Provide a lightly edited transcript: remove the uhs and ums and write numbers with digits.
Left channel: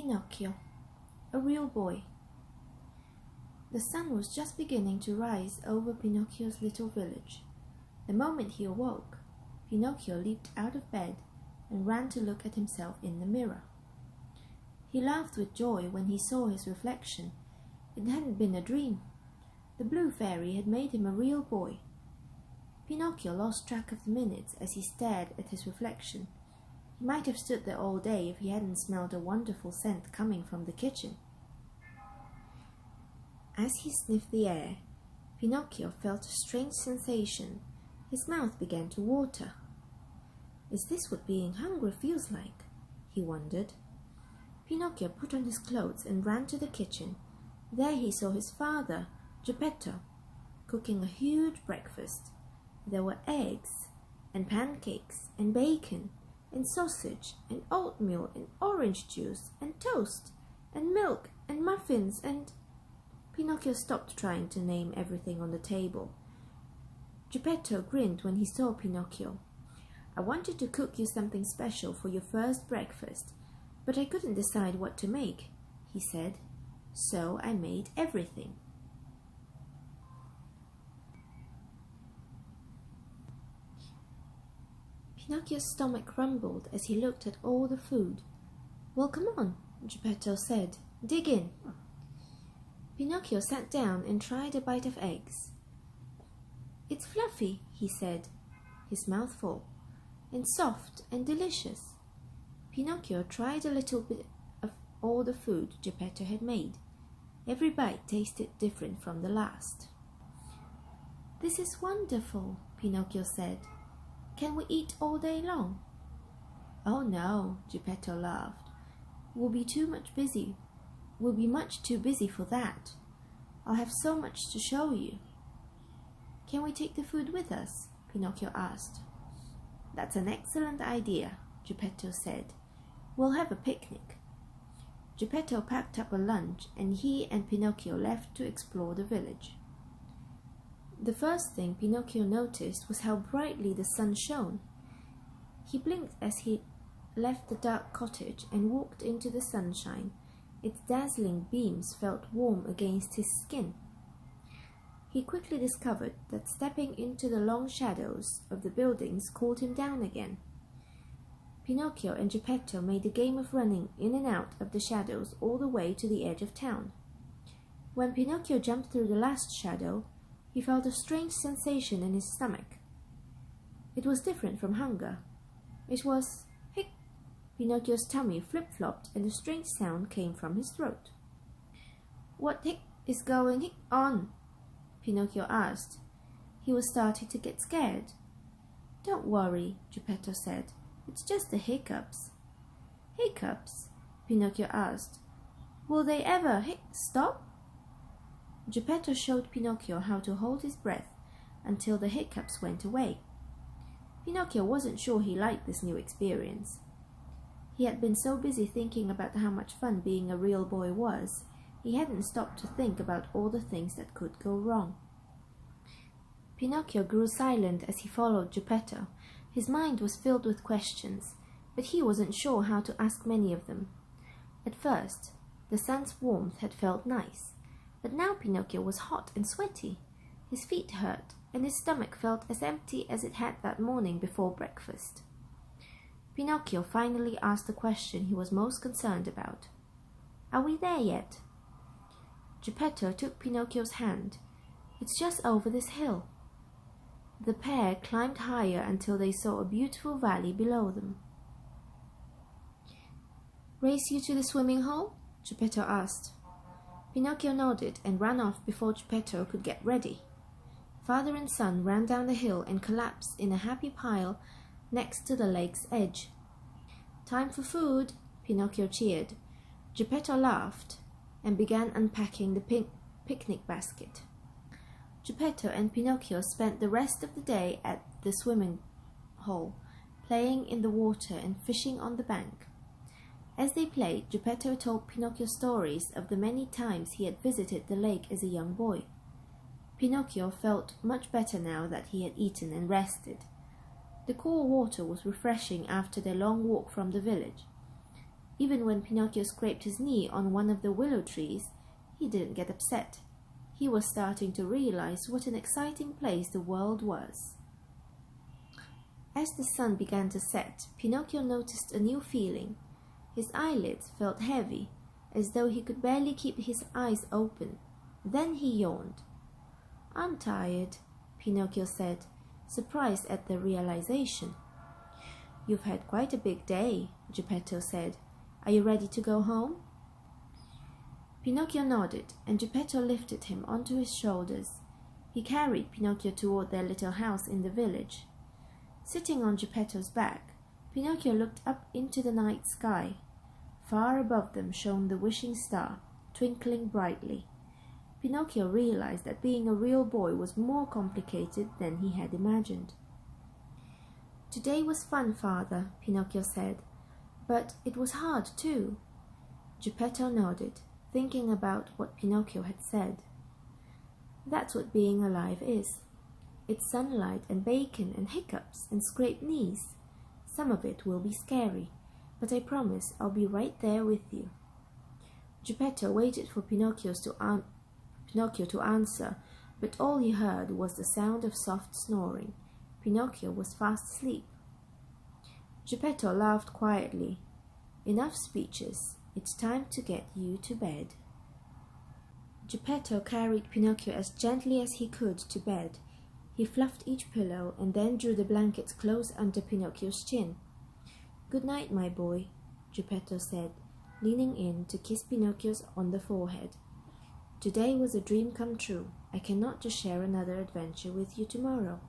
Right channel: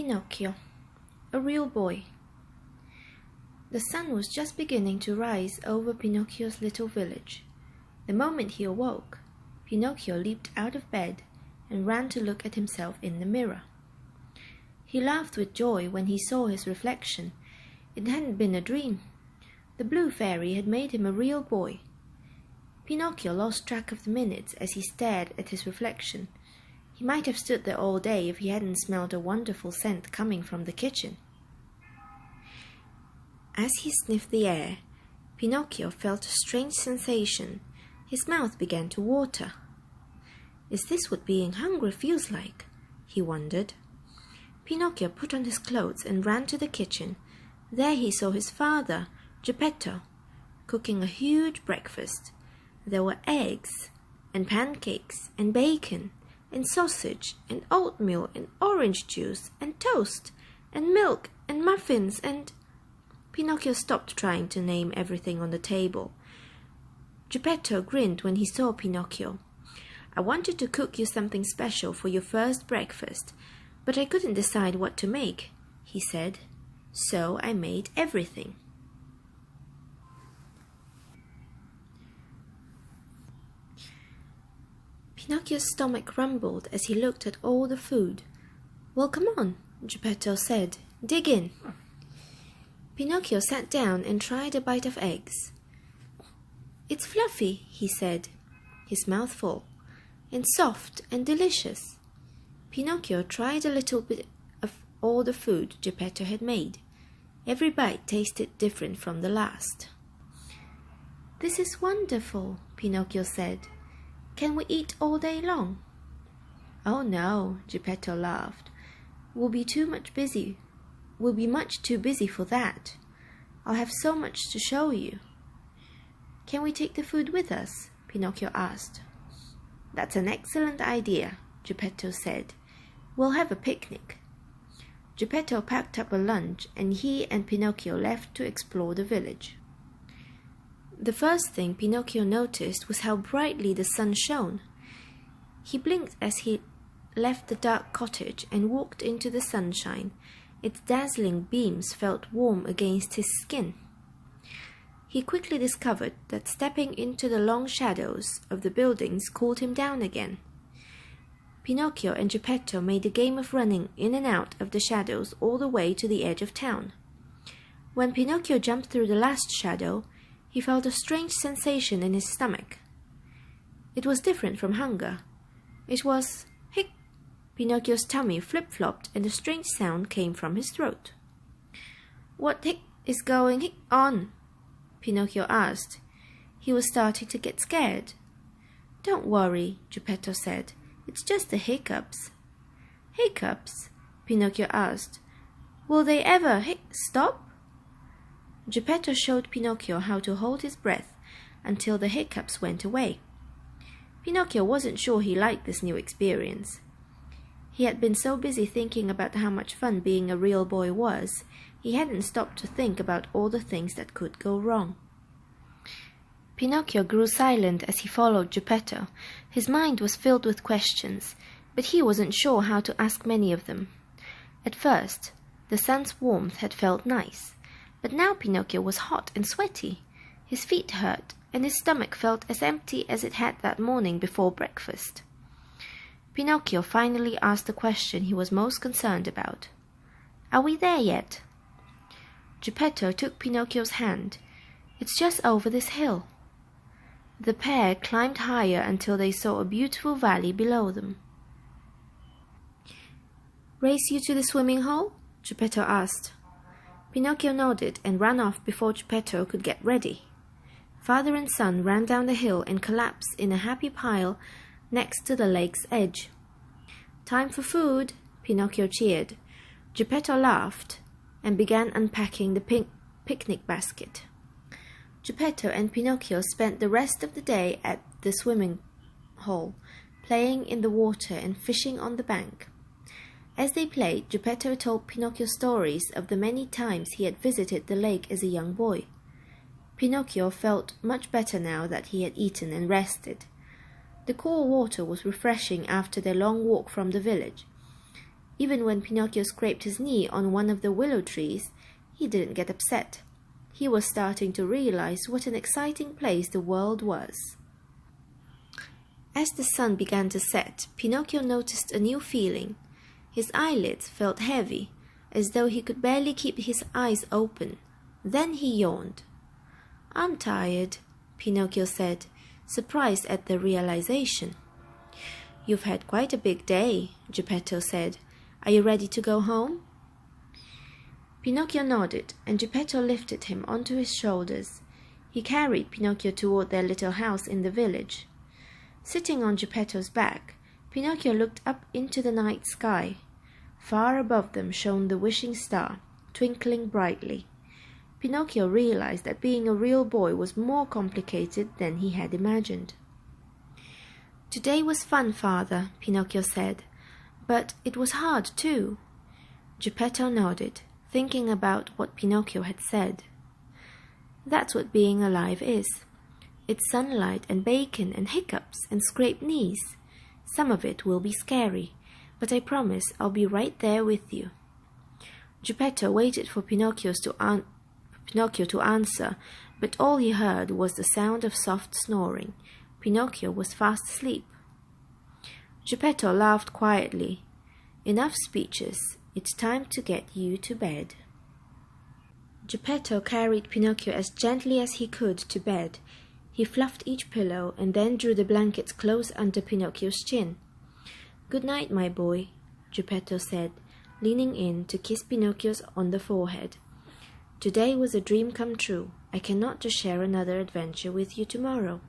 Pinocchio, a real boy. The sun was just beginning to rise over Pinocchio's little village. The moment he awoke, Pinocchio leaped out of bed and ran to look at himself in the mirror. He laughed with joy when he saw his reflection. It hadn't been a dream. The blue fairy had made him a real boy. Pinocchio lost track of the minutes as he stared at his reflection. He might have stood there all day if he hadn't smelled a wonderful scent coming from the kitchen. As he sniffed the air, Pinocchio felt a strange sensation. His mouth began to water. Is this what being hungry feels like? He wondered. Pinocchio put on his clothes and ran to the kitchen. There he saw his father, Geppetto, cooking a huge breakfast. There were eggs and pancakes and bacon and sausage and oatmeal and orange juice and toast and milk and muffins and... Pinocchio stopped trying to name everything on the table. Geppetto grinned when he saw Pinocchio. I wanted to cook you something special for your first breakfast, but I couldn't decide what to make, he said. So I made everything. Pinocchio's stomach rumbled as he looked at all the food. Well, come on, Geppetto said. Dig in. Pinocchio sat down and tried a bite of eggs. It's fluffy, he said, his mouth full, and soft and delicious. Pinocchio tried a little bit of all the food Geppetto had made. Every bite tasted different from the last. This is wonderful, Pinocchio said. Can we eat all day long? Oh no, Geppetto laughed. We'll be much too busy for that. I'll have so much to show you. Can we take the food with us? Pinocchio asked. That's an excellent idea, Geppetto said. We'll have a picnic. Geppetto packed up a lunch and he and Pinocchio left to explore the village. The first thing Pinocchio noticed was how brightly the sun shone. He blinked as he left the dark cottage and walked into the sunshine. Its dazzling beams felt warm against his skin. He quickly discovered that stepping into the long shadows of the buildings cooled him down again. Pinocchio and Geppetto made a game of running in and out of the shadows all the way to the edge of town. When Pinocchio jumped through the last shadow, he felt a strange sensation in his stomach. It was different from hunger. It was hic. Pinocchio's tummy flip-flopped and a strange sound came from his throat. What hic is going hic on? Pinocchio asked. He was starting to get scared. Don't worry, Geppetto said. It's just the hiccups. Hiccups? Pinocchio asked. Will they ever stop? Geppetto showed Pinocchio how to hold his breath until the hiccups went away. Pinocchio wasn't sure he liked this new experience. He had been so busy thinking about how much fun being a real boy was, he hadn't stopped to think about all the things that could go wrong. Pinocchio grew silent as he followed Geppetto. His mind was filled with questions, but he wasn't sure how to ask many of them. At first, the sun's warmth had felt nice, but now Pinocchio was hot and sweaty. His feet hurt, and his stomach felt as empty as it had that morning before breakfast. Pinocchio finally asked the question he was most concerned about. Are we there yet? Geppetto took Pinocchio's hand. It's just over this hill. The pair climbed higher until they saw a beautiful valley below them. Race you to the swimming hole? Geppetto asked. Pinocchio nodded and ran off before Geppetto could get ready. Father and son ran down the hill and collapsed in a happy pile next to the lake's edge. Time for food, Pinocchio cheered. Geppetto laughed and began unpacking the picnic basket. Geppetto and Pinocchio spent the rest of the day at the swimming hole, playing in the water and fishing on the bank. As they played, Geppetto told Pinocchio stories of the many times he had visited the lake as a young boy. Pinocchio felt much better now that he had eaten and rested. The cool water was refreshing after their long walk from the village. Even when Pinocchio scraped his knee on one of the willow trees, he didn't get upset. He was starting to realize what an exciting place the world was. As the sun began to set, Pinocchio noticed a new feeling. His eyelids felt heavy, as though he could barely keep his eyes open. Then he yawned. "I'm tired," Pinocchio said, surprised at the realization. "You've had quite a big day," Geppetto said. "Are you ready to go home?" Pinocchio nodded, and Geppetto lifted him onto his shoulders. He carried Pinocchio toward their little house in the village. Sitting on Geppetto's back, Pinocchio looked up into the night sky. Far above them shone the wishing star, twinkling brightly. Pinocchio realized that being a real boy was more complicated than he had imagined. "Today was fun, Father," Pinocchio said, "but it was hard too." Geppetto nodded, thinking about what Pinocchio had said. "That's what being alive is. It's sunlight and bacon and hiccups and scraped knees. Some of it will be scary, but I promise I'll be right there with you." Geppetto waited for Pinocchio to answer, but all he heard was the sound of soft snoring. Pinocchio was fast asleep. Geppetto laughed quietly. "Enough speeches. It's time to get you to bed." Geppetto carried Pinocchio as gently as he could to bed. He fluffed each pillow and then drew the blankets close under Pinocchio's chin. "Good night, my boy," Geppetto said, leaning in to kiss Pinocchio on the forehead. "Today was a dream come true. I cannot just share another adventure with you tomorrow."